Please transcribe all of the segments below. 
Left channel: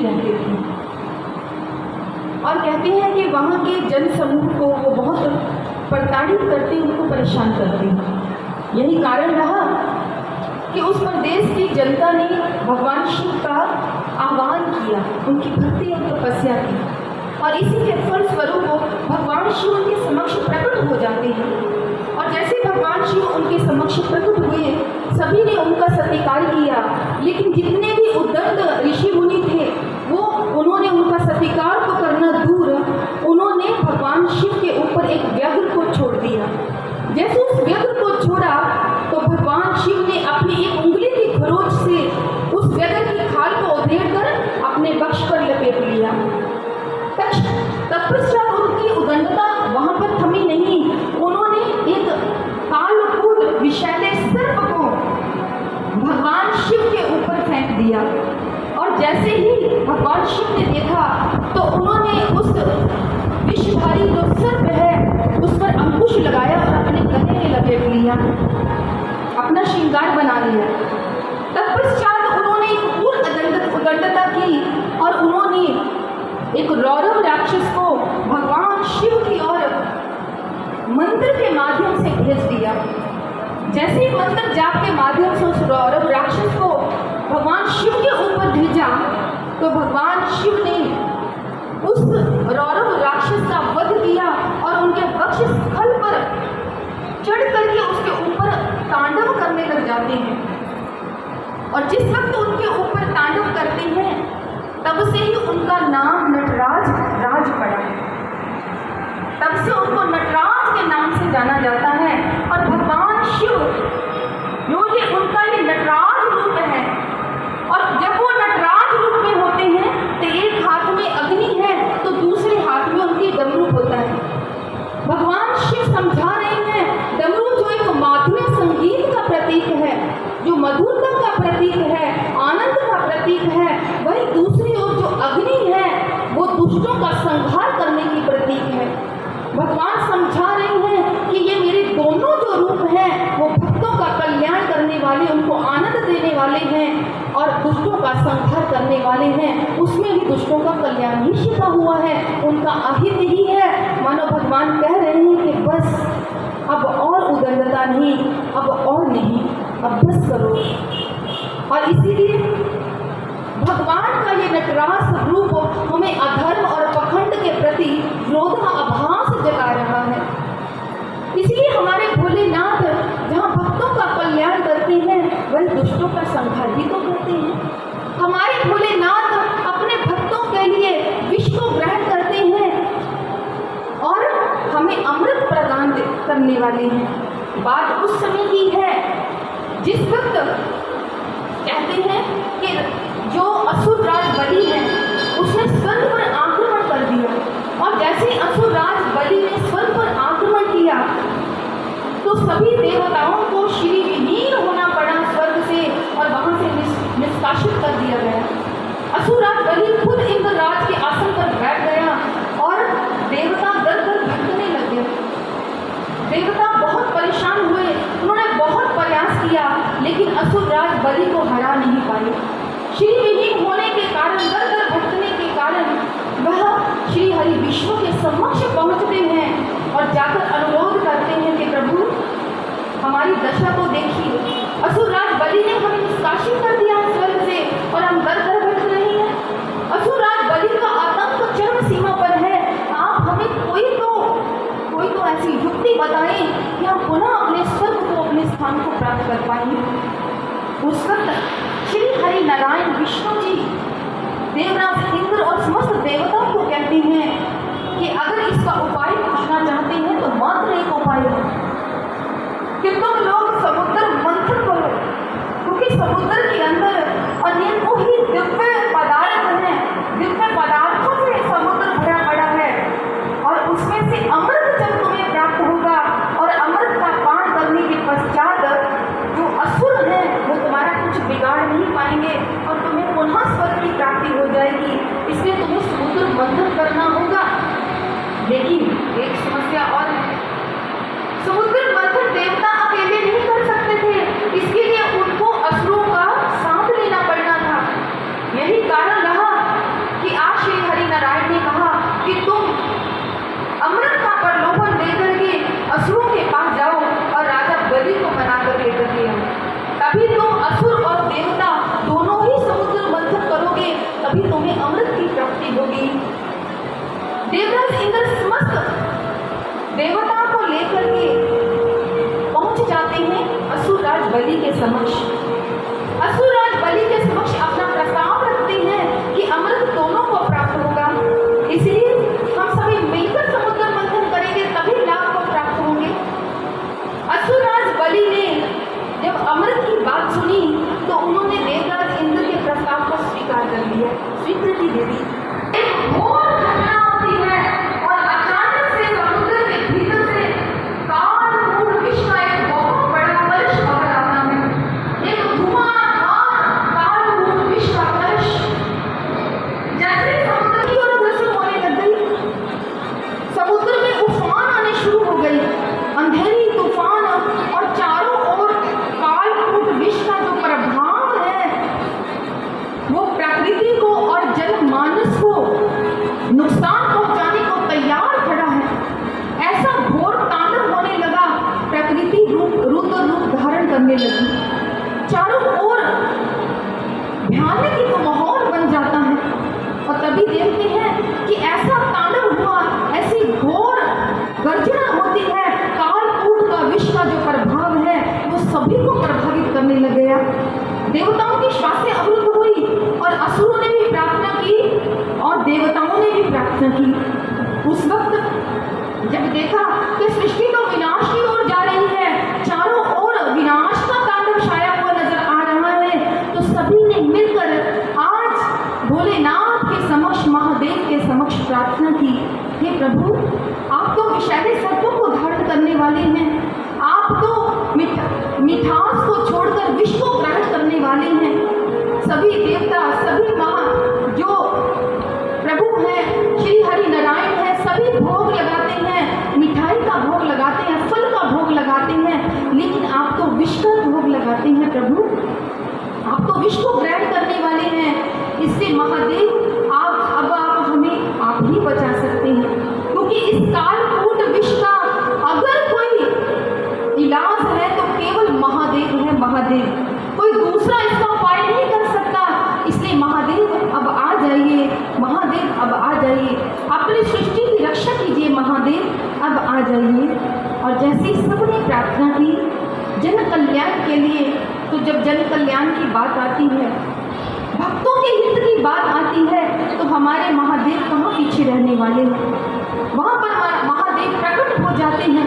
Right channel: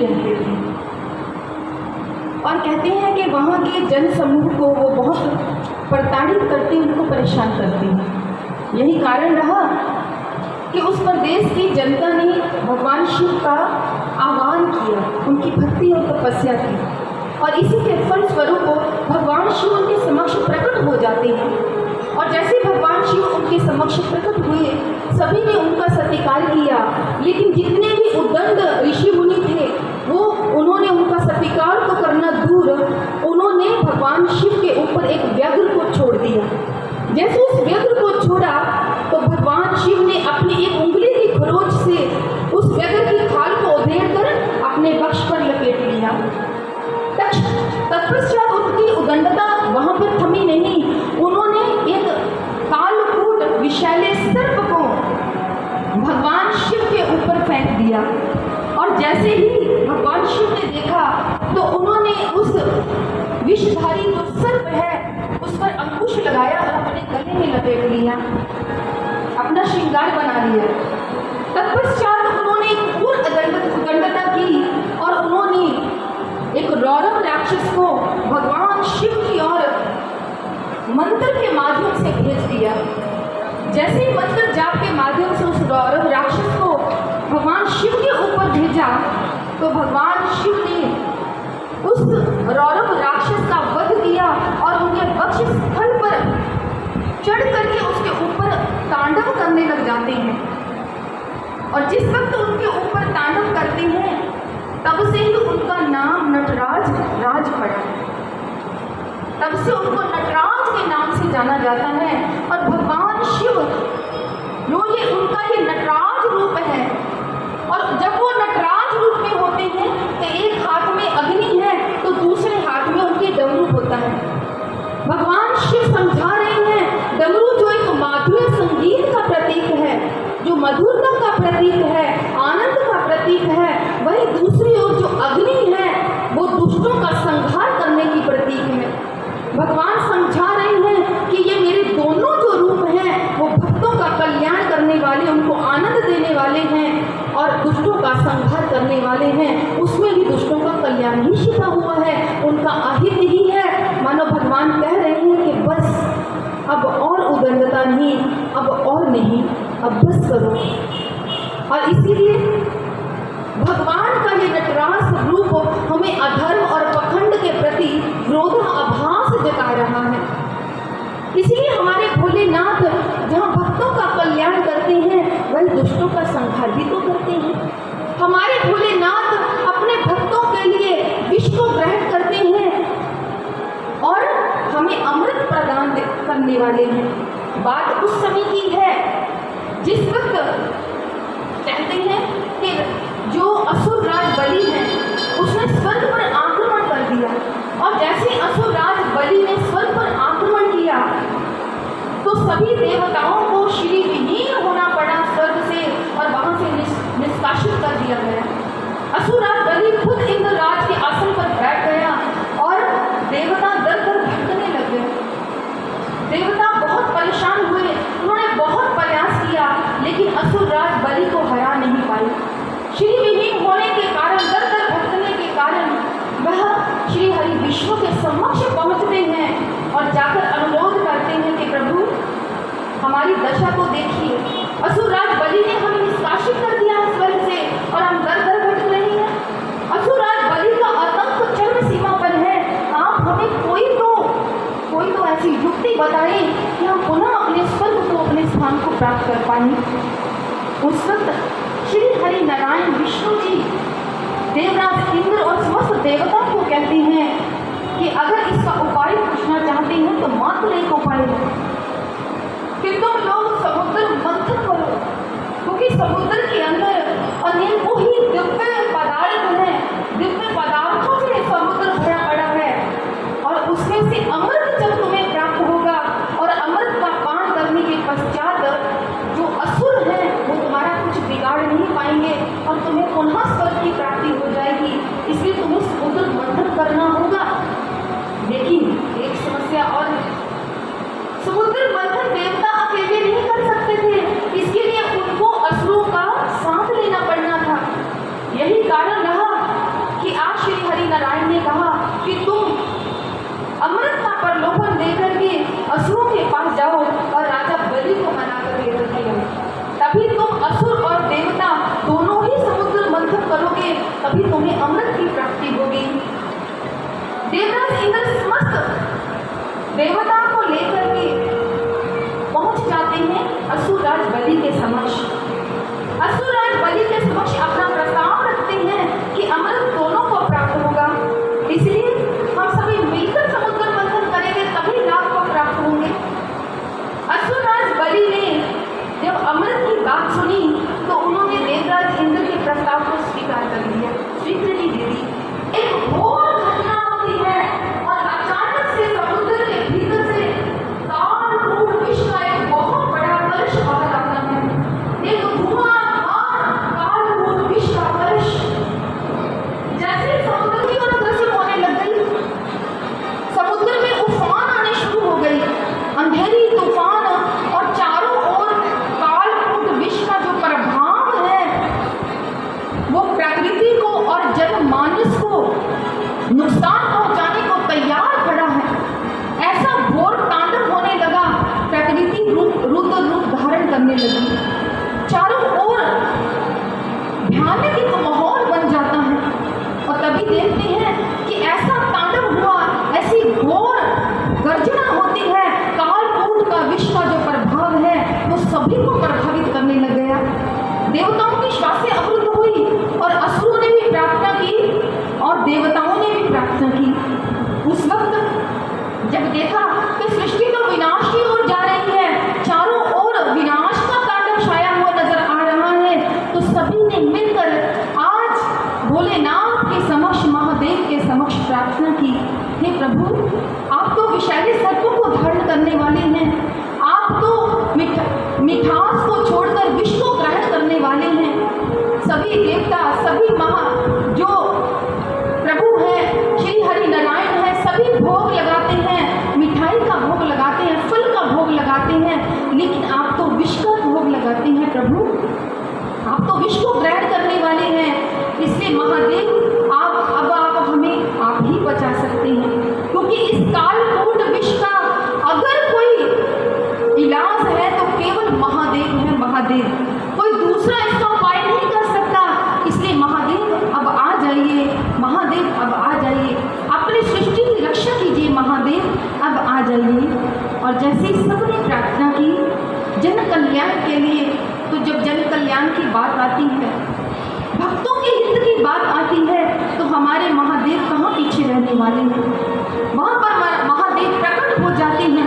रहते थे। और कहते हैं कि वहाँ के जन समूह को वो बहुत प्रताड़ित करते, उनको परेशान करते हैं। यही कारण रहा कि उस प्रदेश की जनता ने भगवान शिव का आह्वान किया, उनकी भक्ति और तपस्या की, और इसी के फलस्वरूप भगवान शिव उनके समक्ष प्रकट हो जाते हैं। और जैसे भगवान शिव उनके समक्ष प्रकट हुए, सभी ने उनका सत्कार किया, लेकिन जितने भी उद्दंड ऋषि मुनि थे वो उन्होंने उनका सत्कार तो करना दूर, उन्होंने भगवान शिव के ऊपर एक व्यग्र को छोड़ दिया। जैसे उस व्यग्र को छोड़ा तो भगवान शिव ने अपनी एक उंगली की खरोंच से उस व्यग्र की खाल को उधेड़कर अपने वक्ष पर लपेट लिया। तत्पश्चात उनकी उदंडता वहां पर थमी नहीं, उन्होंने एक कालकूट विषैले सर्प को भगवान शिव के ऊपर फेंक दिया। और जैसे ही भगवान शिव ने देखा तो उन्होंने उस विषधारी जो सर्प है उस पर अंकुश लगाया और अपने गले में लपेट लिया, अपना श्रृंगार बना लिया। तत्पश्चात उन्होंने एक और उदंडता की और उन्होंने एक रौरव राक्षस को भगवान शिव की ओर मंत्र के माध्यम से भेज दिया। जैसे ही मंत्र जाप के माध्यम से उस रौरव राक्षस को भगवान शिव के ऊपर भेजा तो भगवान शिव ने उस रौरव राक्षस का वध किया और उनके वक्षस्थल पर चढ़ करके उसके ऊपर तांडव करने लग जाते हैं। और जिस वक्त उनके ऊपर तांडव करते हैं तब से ही उनका नाम नटराज राज पड़ा, तब से उनको नटराज के नाम से जाना जाता है। और भगवान शिव जो ये उनका ये नटराज रूप है, और जब वो नटराज रूप में होते हैं तो एक हाथ में अग्नि है तो दूसरे हाथ में उनके डमरू होता है। भगवान शिव समझा रहे हैं डमरू जो एक माधुर्य संगीत का प्रतीक है, जो मधुरता का प्रतीक है, आनंद का प्रतीक है, वही दूसरी ओर जो अग्नि है वो दुष्टों का संहार करने की प्रतीक है। भगवान समझा रहे हैं कि ये मेरे दोनों जो रूप हैं वो भक्तों का कल्याण करने वाले, उनको आनंद देने वाले हैं, और दुष्टों का संहार करने वाले हैं। उसमें भी दुष्टों का कल्याण ही छिपा हुआ है, उनका अहित ही है। मानो भगवान कह रहे हैं कि बस अब और उदंडता नहीं, अब और नहीं, अब बस करो। और इसीलिए भगवान का ये नटराज रूप हमें अधर्म और पखंड के प्रति विरोधाभास जता रहा है। इसलिए हमारे भोलेनाथ जहाँ भक्तों का कल्याण करते हैं वही दुष्टों का संहार भी तो करते हैं। हमारे भोलेनाथ अपने भक्तों के लिए विष को ग्रहण करते हैं और हमें अमृत प्रदान करने वाले हैं। बात उस समय की है जिस वक्त कहते हैं कि जो असुर राज बलि है उसने स्वर्ग पर आक्रमण कर दिया, और जैसे असुर राज बलि ने स्वर्ग पर आक्रमण किया तो सभी देवताओं को श्री विहीन होना पड़ा स्वर्ग से, और वहां से निष्कासित कर दिया गया। असुर राज बलि खुद इंद्रराज के आसन पर बैठ गया और देवता दर दर भटकने लगे। देवता बहुत परेशान हुए, उन्होंने बहुत प्रयास किया लेकिन असुर राज बलि को हरा नहीं पाए। श्री विहीन होने के कारण, दर दर भटकने के कारण वह श्री हरि विष्णु के समक्ष पहुंचते हैं और जाकर अनुरोध करते हैं कि प्रभु हमारी दशा को देखिए, असुरराज बलि ने हमें निष्कासित कर दिया है स्वर्ग से और हम दर दर भटक रहे हैं। असुरराज बलि का आतंक तो चरम सीमा पर है, आप हमें कोई तो ऐसी युक्ति बताएं कि हम पुनः अपने स्वर्ग को, अपने स्थान को प्राप्त कर पाएं। उस वक्त श्री हरि नारायण विष्णु जी देवराज इंद्र और समस्त देवताओं को कहते हैं कि अगर इसका उपाय पूछना चाहते हैं तो मात्र एक उपाय है कि तुम लोग समुद्र मंथन करो, क्योंकि समुद्र के अंदर अनेकों ही दिव्य पदार्थ हैं, दिव्य पदार्थों से समुद्र भरा पड़ा है, और उसमें से अमृत जब तुम्हें प्राप्त होगा और अमृत का पान करने के पश्चात जो असुर हैं वो तुम्हारा कुछ बिगाड़ नहीं पाएंगे और तुम्हें पुनः स्वर्ग की प्राप्ति हो जाएगी। इसलिए तुम्हें समुद्र मंथन करना होगा। लेकिन एक समस्या और है, समुद्र मंथन देवता अकेले नहीं कर सकते थे, इसके लिए उनको असुरों का साथ लेना पड़ना था। यही कारण रहा करोगे तभी तुम्हें अमृत की प्राप्ति होगी। देवराज इंद्र समस्त देवता को लेकर के पहुंच जाते हैं असुरराज बलि के समक्ष। असुरराज बलि के समक्ष अपना प्रस्ताव रखते हैं कि अमृत दोनों को प्राप्त होगा, इसलिए हम सभी मिलकर समुद्र मंथन करेंगे तभी लाभ को प्राप्त होंगे। असुरराज बलि ने जब अमृत की बात सुनी तो उन्होंने देवराज इंद्र के प्रस्ताव को स्वीकार कर लिया, स्वीकृति दे दी। एक घोर घटना होती है और अचानक से समुद्र के भीतर से कालकूट विष का एक बहुत बड़ा कलश बाहर आता है। एक धुआंधार कालकूट विष का कलश जैसे समुद्र की ओर अग्रसर होने लग गई, समुद्र में उफान आने शुरू हो गई, अंधेरी तूफान और चारों ओर कालकूट विष का जो प्रभाव है वो प्रकृति को और जनमानस को नुकसान पहुंचाने को तैयार खड़ा है। ऐसा घोर तांडव होने लगा, प्रकृति रुद्र रूप धारण करने लगी, चारों ओर भयानक एक माहौल बन जाता है। और तभी देखते हैं कि ऐसा तांडव हुआ, ऐसी घोर गर्जना होती है, कालकूट का विष का जो प्रभाव है वो सभी को प्रभावित करने लग गया। देवताओं की श्वासें अवरुद्ध हुई और असुरों ने भी प्रार्थना की और देवताओं ने भी प्रार्थना की। उस वक्त जब देखा कि सृष्टि तो विनाश की ओर जा रही है, चारों ओर विनाश का तांडव छाया हुआ नजर आ रहा है, तो सभी ने मिलकर आज भोलेनाथ के समक्ष, महादेव के समक्ष प्रार्थना की, हे प्रभु आप तो विषैले सर्पों को धारण करने वाले हैं, आप तो मिठास को छोड़कर विष को ग्रहण करने वाले हैं। सभी देवता, सभी जो प्रभु हैं, श्री हरि नारायण है, सभी भोग लगाते हैं, मिठाई का भोग लगाते हैं, फल का भोग लगाते हैं, लेकिन आप तो विष का भोग लगाते हैं प्रभु, आप तो विष को ग्रहण करने वाले हैं। इससे महादेव आप हमें आप ही बचा सकते हैं, क्योंकि इस कालकूट विष का अगर कोई इलाज है तो केवल महादेव है, महादेव, कोई दूसरा इसका उपाय नहीं कर सकता। इसलिए महादेव अब आ जाइए, महादेव अब आ जाइए, अपनी सृष्टि की रक्षा कीजिए महादेव, अब आ जाइए। और जैसे सबने प्रार्थना की जन कल्याण के लिए, तो जब जन कल्याण की बात आती है, भक्तों के हित की बात आती है, तो हमारे महादेव कहाँ पीछे रहने वाले हैं। वहाँ पर महादेव प्रकट हो जाते हैं,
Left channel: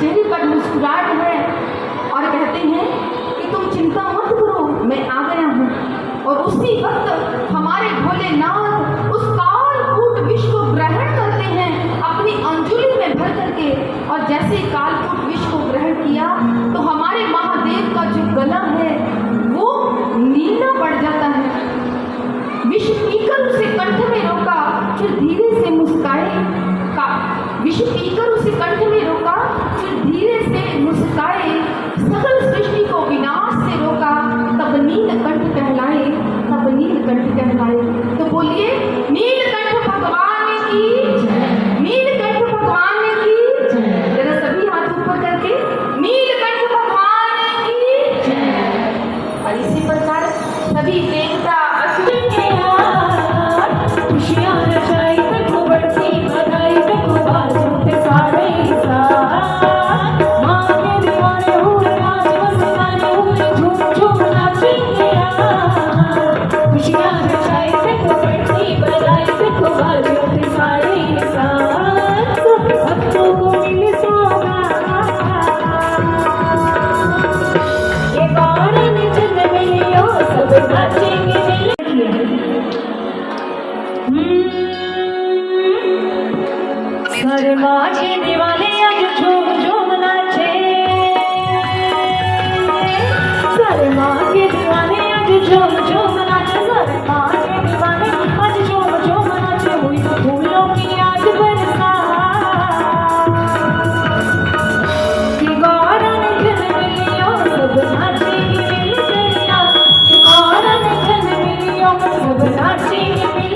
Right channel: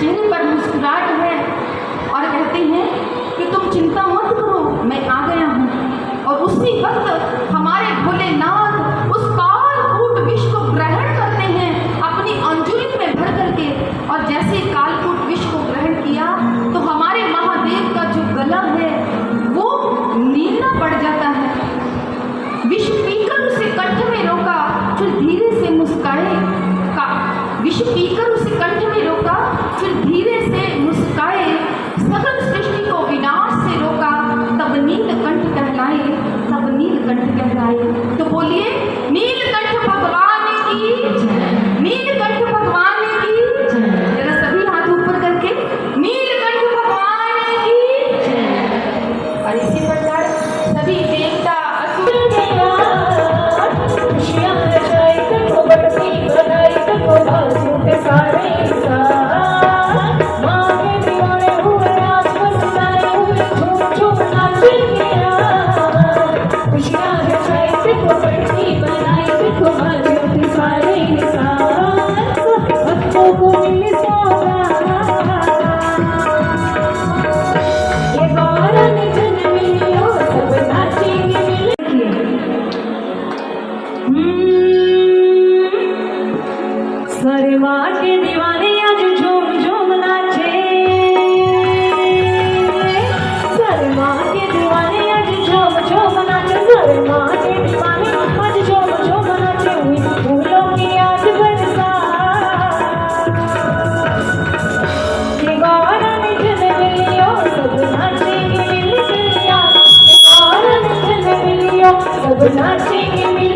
चेहरे पर मुस्कुराहट है और कहते हैं कि तुम चिंता मत करो, मैं आ गया हूँ। और उसी वक्त हमारे भोलेनाथ उस कालकूट विष को ग्रहण करते हैं अपनी अंजुली में भर करके, और जैसे कालकूट विष को ग्रहण किया तो हमारे महादेव का जो गला है वो नीला पड़ जाता है। विष पीकर उसे कंठ में रोका, फिर धीरे से मुस्काए, विष पीकर उसे कंठ में रोका, फिर धीरे से मुस्काए, सकल सृष्टि को विनाश से रोका, तब नीलकंठ कहलाए, तब नीलकंठ कहलाए। तो बोलिए नीलकंठ भगवान की, नीलकंठ भगवान की, जरा सभी हाथ ऊपर करके नीलकंठ भगवान की। और इसी प्रकार सभी देवता असुर खुशियां रचाई, देखो बटती बनाई, देखो बाजू थे सारे माँ के दीवाने हुए, आज मस्ताने हुए, झूम झूम नाचे खुशियां रचाई, देखो बटती बनाई, देखो बाजू थे सारे भक्तों को मिली सौगात, ये कारण जन्म लियो सब नाचेंगे मिल। सारे माँ के दीवाने आज झूम झूम नाचे, सारे माँ के दीवाने आज झूम झूम नाचे, सारे माँ के दीवाने आज झूम झूम नाचे, हुई फूलों की आज बरसा, गौरा ने जन्म लियो सब नाचेंगे मिल गया, गौरा ने जन्म लियो सब नाचेंगे मिल